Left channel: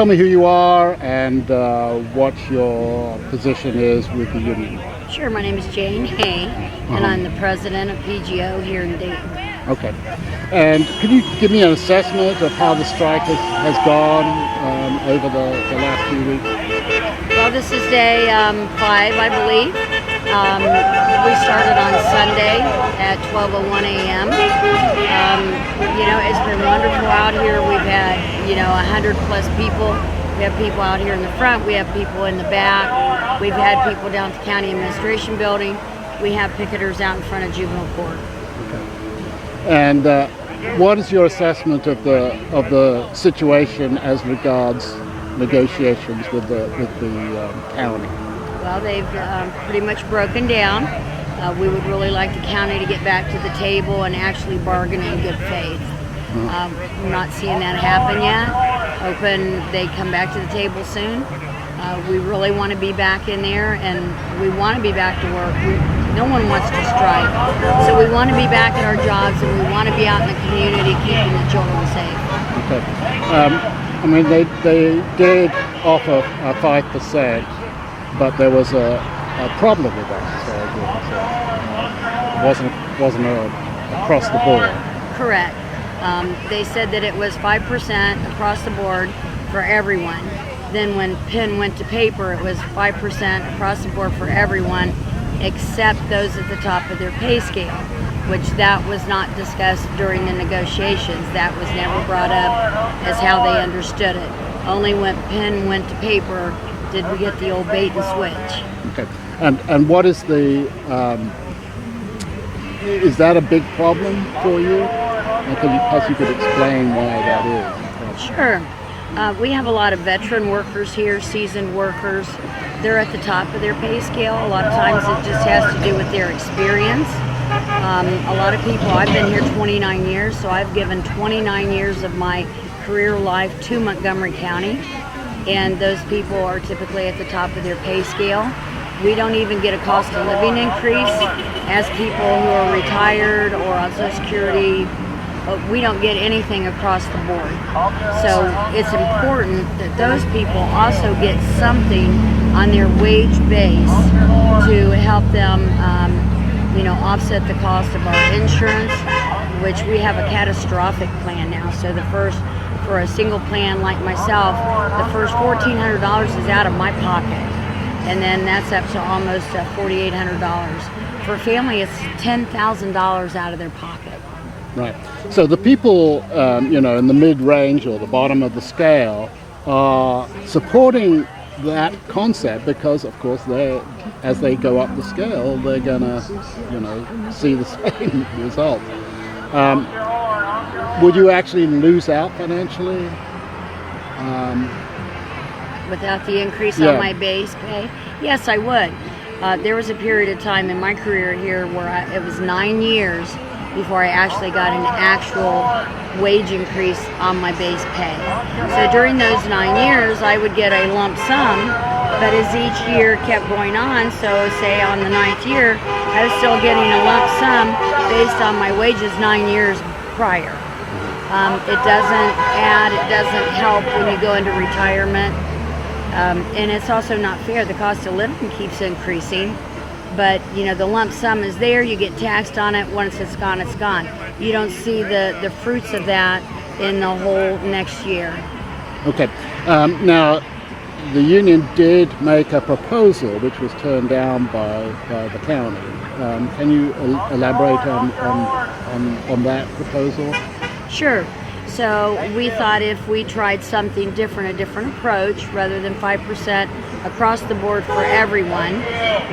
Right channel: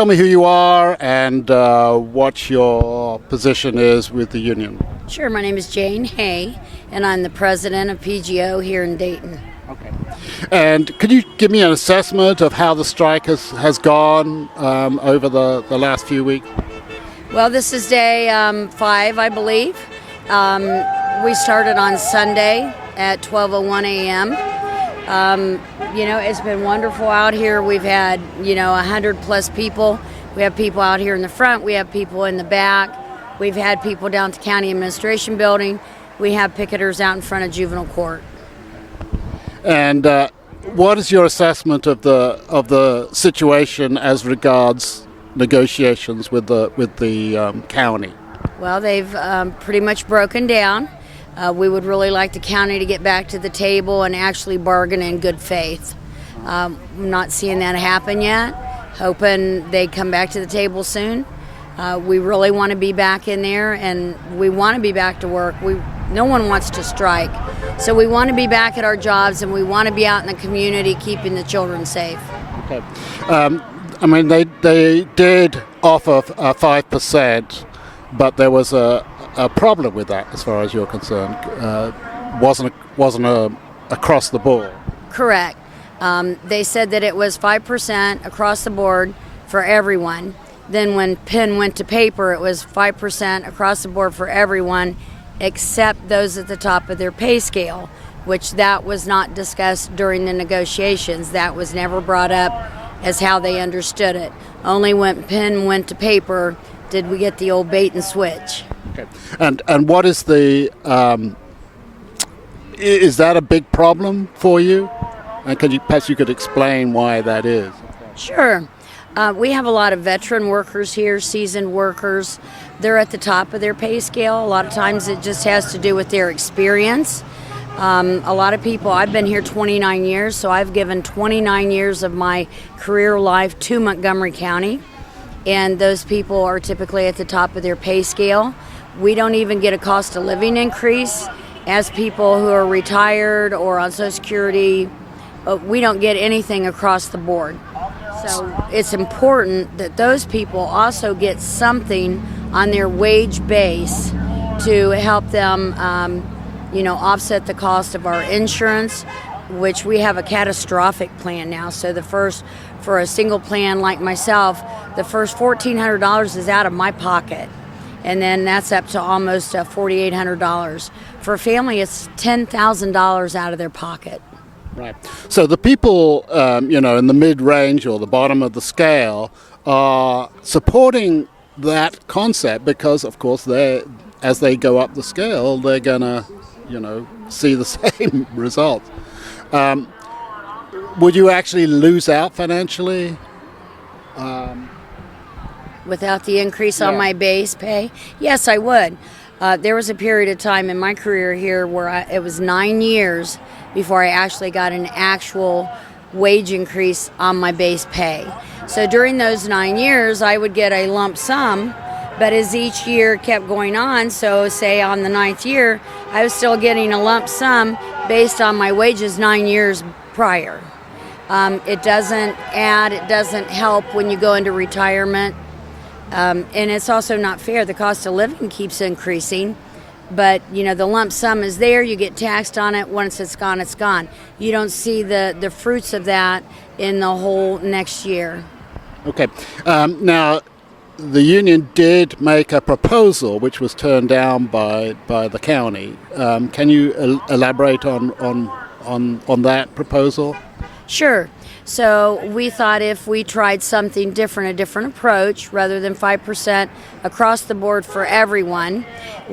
tell me who you are and what your position is with the union. Sure, my name is Jane Hay, and I'm the president of PGO here in Dayton. Okay. And could you give me an assessment of how the strike has gone over the last few weeks? Well, this is day 5, I believe. We started on Sunday at 12:01 a.m. It's been wonderful out here. We've had, 100 plus people. We have people out here in the front. We have people in the back. We've had people down at the county administration building. We have picketers out in front of juvenile court. And what is your assessment of the situation as regards negotiations with the county? Well, they've pretty much broken down. We would really like the county to get back to the table and actually bargain in good faith. We're not seeing that happen yet. Hoping they come back to the table soon. We really want to be back in there, and we want to be back to work. No one wants to strike, so we want to be back at our jobs, and we want to be out in the community keeping the children safe. Okay. They did offer 5%, but there was a problem with that as far as you're concerned. Wasn't across the board. Correct. They said that it was 5% across the board for everyone. Then when pen went to paper, it was 5% across the board for everyone except those at the top of their pay scale, which that was not discussed during the negotiations. That was never brought up as how they understood it. Only when pen went to paper did we get the old bait and switch. Okay. And what is is that a big problem for you? And perhaps you could explain why that is? Sure. We have a lot of veteran workers here, seasoned workers. They're at the top of their pay scale. A lot of times it just has to do with their experience. A lot of people, I've been here 29 years, so I've given 29 years of my career life to Montgomery County, and those people are typically at the top of their pay scale. We don't even get a cost of living increase as people who are retired or on Social Security. We don't get anything across the board. So it's important that those people also get something on their wage base to help them, offset the cost of our insurance, which we have a catastrophic plan now. So for a single plan like myself, the first $1,400 is out of my pocket. And then that's up to almost $4,800. For a family, it's $10,000 out of their pocket. Right. So the people, in the mid-range or the bottom of the scale are supporting that concept because, of course, as they go up the scale, they're going to, see the same result. Would you actually lose out financially? Without the increase on my base pay? Yes, I would. There was a period of time in my career here where it was 9 years before I actually got an actual wage increase on my base pay. So during those 9 years, I would get a lump sum, but as each year kept going on, so say on the 9th year, I was still getting a lump sum based on my wages 9 years prior. It doesn't help when you go into retirement, and it's also not fair. The cost of living keeps increasing. But, the lump sum is there, you get taxed on it, once it's gone, it's gone. You don't see the fruits of that in the whole next year. Okay. Now, the union did make a proposal which was turned down by the county. Can you elaborate on that proposal? Sure. So we thought if we tried something different, a different approach, rather than 5% across the board for everyone,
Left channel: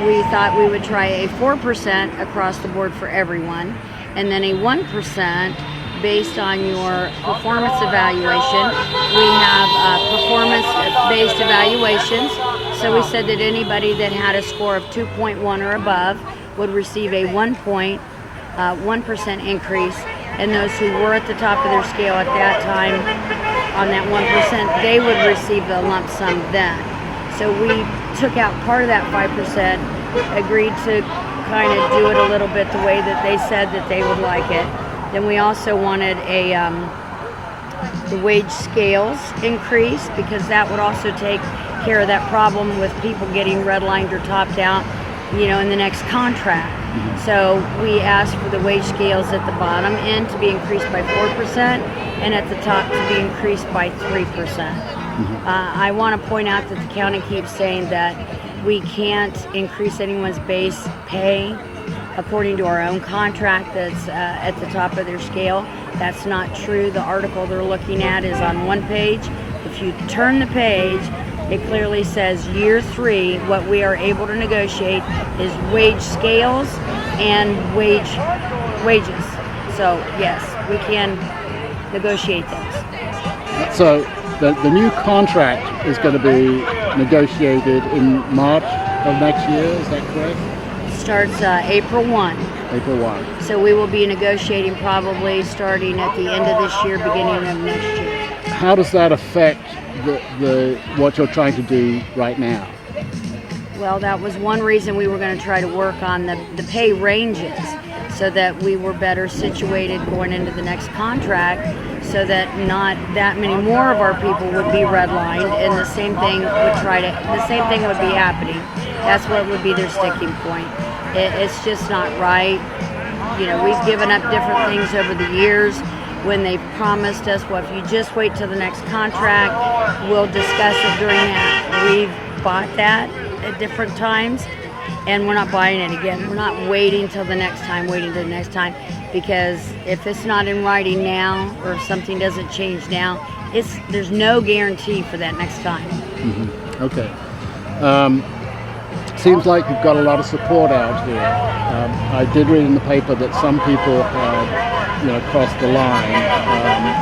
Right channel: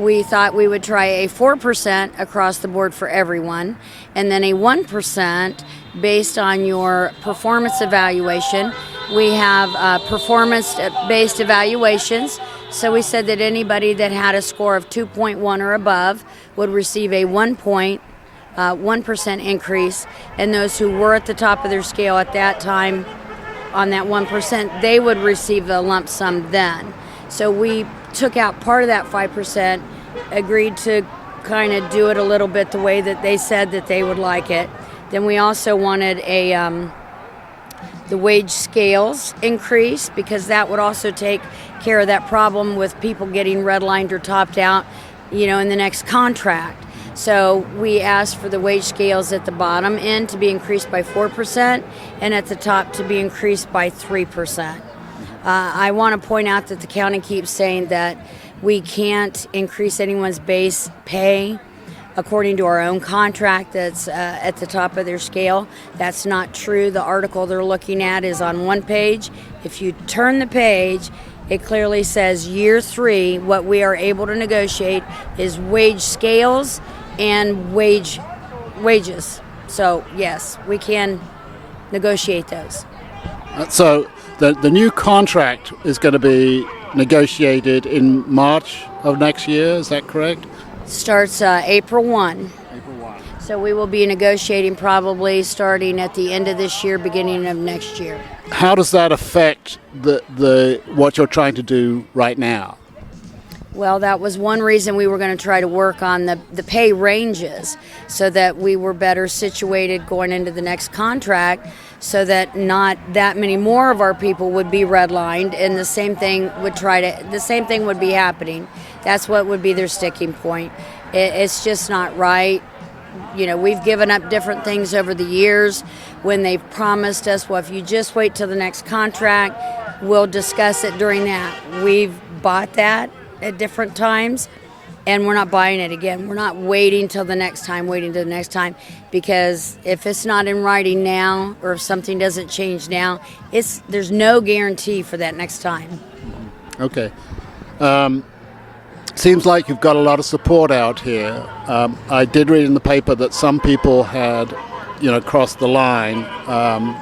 we thought we would try a 4% across the board for everyone, and then a 1% based on your performance evaluation. We have performance-based evaluations, so we said that anybody that had a score of 2.1 or above would receive a 1% increase, and those who were at the top of their scale at that time on that 1%, they would receive the lump sum then. So we took out part of that 5%, agreed to kind of do it a little bit the way that they said that they would like it. Then we also wanted a the wage scales increased, because that would also take care of that problem with people getting redlined or topped out, in the next contract. So we asked for the wage scales at the bottom end to be increased by 4% and at the top to be increased by 3%. I want to point out that the county keeps saying that we can't increase anyone's base pay according to our own contract that's at the top of their scale. That's not true. The article they're looking at is on one page. If you turn the page, it clearly says year 3, what we are able to negotiate is wage scales and wages. So yes, we can negotiate those. So the new contract is going to be negotiated in March of next year, is that correct? Starts April 1. April 1. So we will be negotiating probably starting at the end of this year, beginning of next year. How does that affect the what you're trying to do right now? Well, that was one reason we were going to try to work on the pay ranges, so that we were better situated going into the next contract, so that not that many more of our people would be redlined, and the same thing would be happening. That's what would be their sticking point. It's just not right. We've given up different things over the years when they've promised us, well, if you just wait till the next contract, we'll discuss it during that. We've bought that at different times, and we're not buying it again. We're not waiting till the next time, because if it's not in writing now, or if something doesn't change now, there's no guarantee for that next time. Mm-hmm. Okay. Seems like you've got a lot of support out here. I did read in the paper that some people had, crossed the line,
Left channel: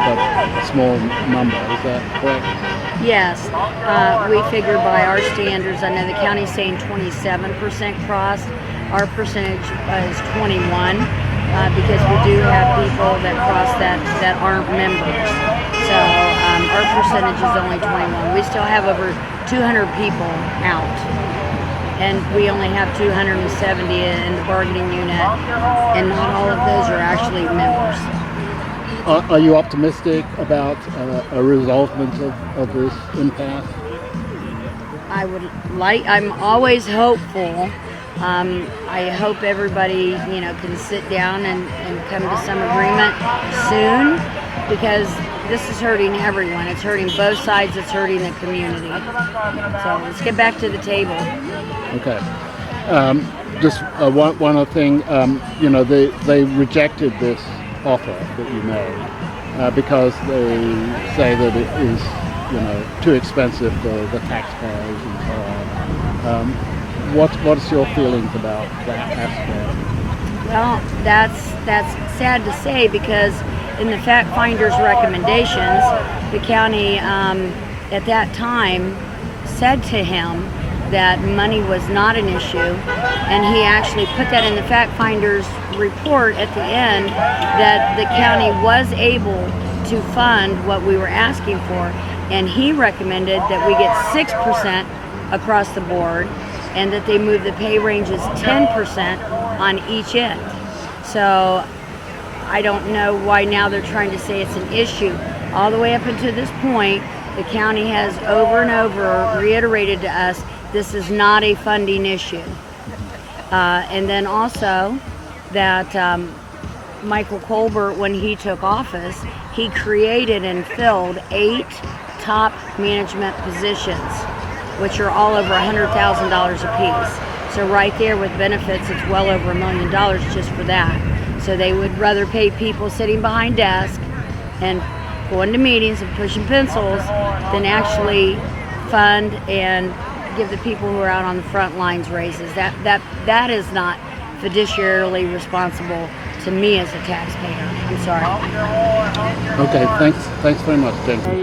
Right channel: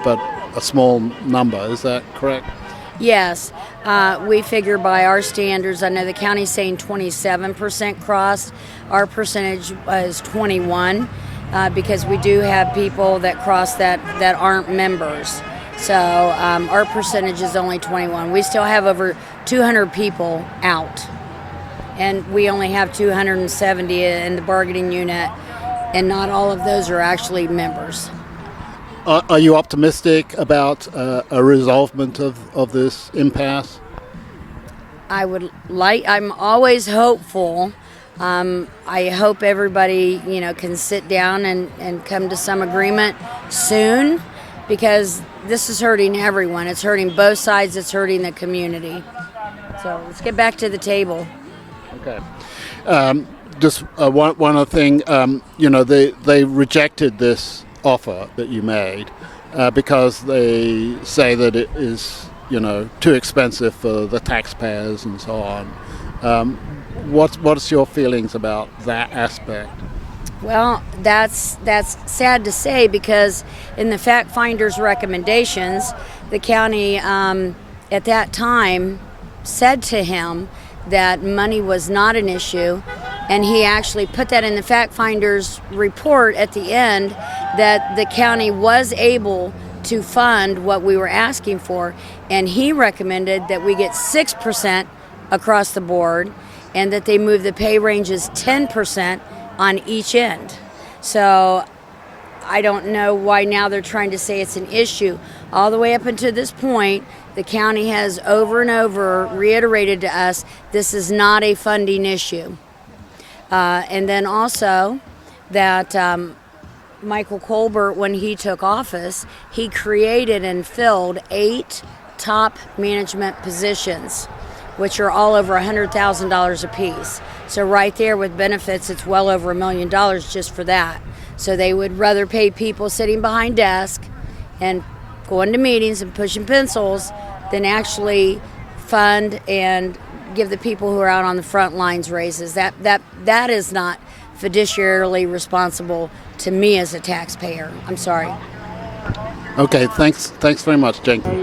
but a small number. Is that correct? Yes. We figure by our standards, I know the county's saying 27% crossed. Our percentage is 21, because we do have people that cross that aren't members. So our percentage is only 21. We still have over 200 people out. And we only have 270 in the bargaining unit, and not all of those are actually members. Are you optimistic about a resolvement of this impasse? I'm always hopeful. I hope everybody, can sit down and come to some agreement soon, because this is hurting everyone. It's hurting both sides. It's hurting the community. So let's get back to the table. Okay. Just one other thing. They rejected this offer that you made because they say that it is, too expensive for the taxpayers and so on. What's your feelings about that aspect? Well, that's sad to say, because in the fact finder's recommendations, the county at that time said to him that money was not an issue, and he actually put that in the fact finder's report at the end, that the county was able to fund what we were asking for, and he recommended that we get 6% across the board, and that they move the pay ranges 10% on each end. So I don't know why now they're trying to say it's an issue. All the way up until this point, the county has over and over reiterated to us this is not a funding issue. And then also that Michael Colbert, when he took office, he created and filled 8 top management positions, which are all over $100,000 a piece. So right there with benefits, it's well over $1 million just for that. So they would rather pay people sitting behind desks and going to meetings and pushing pencils than actually fund and give the people who are out on the front lines raises. That is not fiduciarily responsible to me as a taxpayer. I'm sorry. Okay, thanks very much, Jane. Got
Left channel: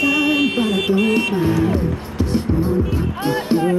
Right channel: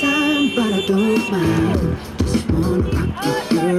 time, but I don't mind. Just wanna rock with you.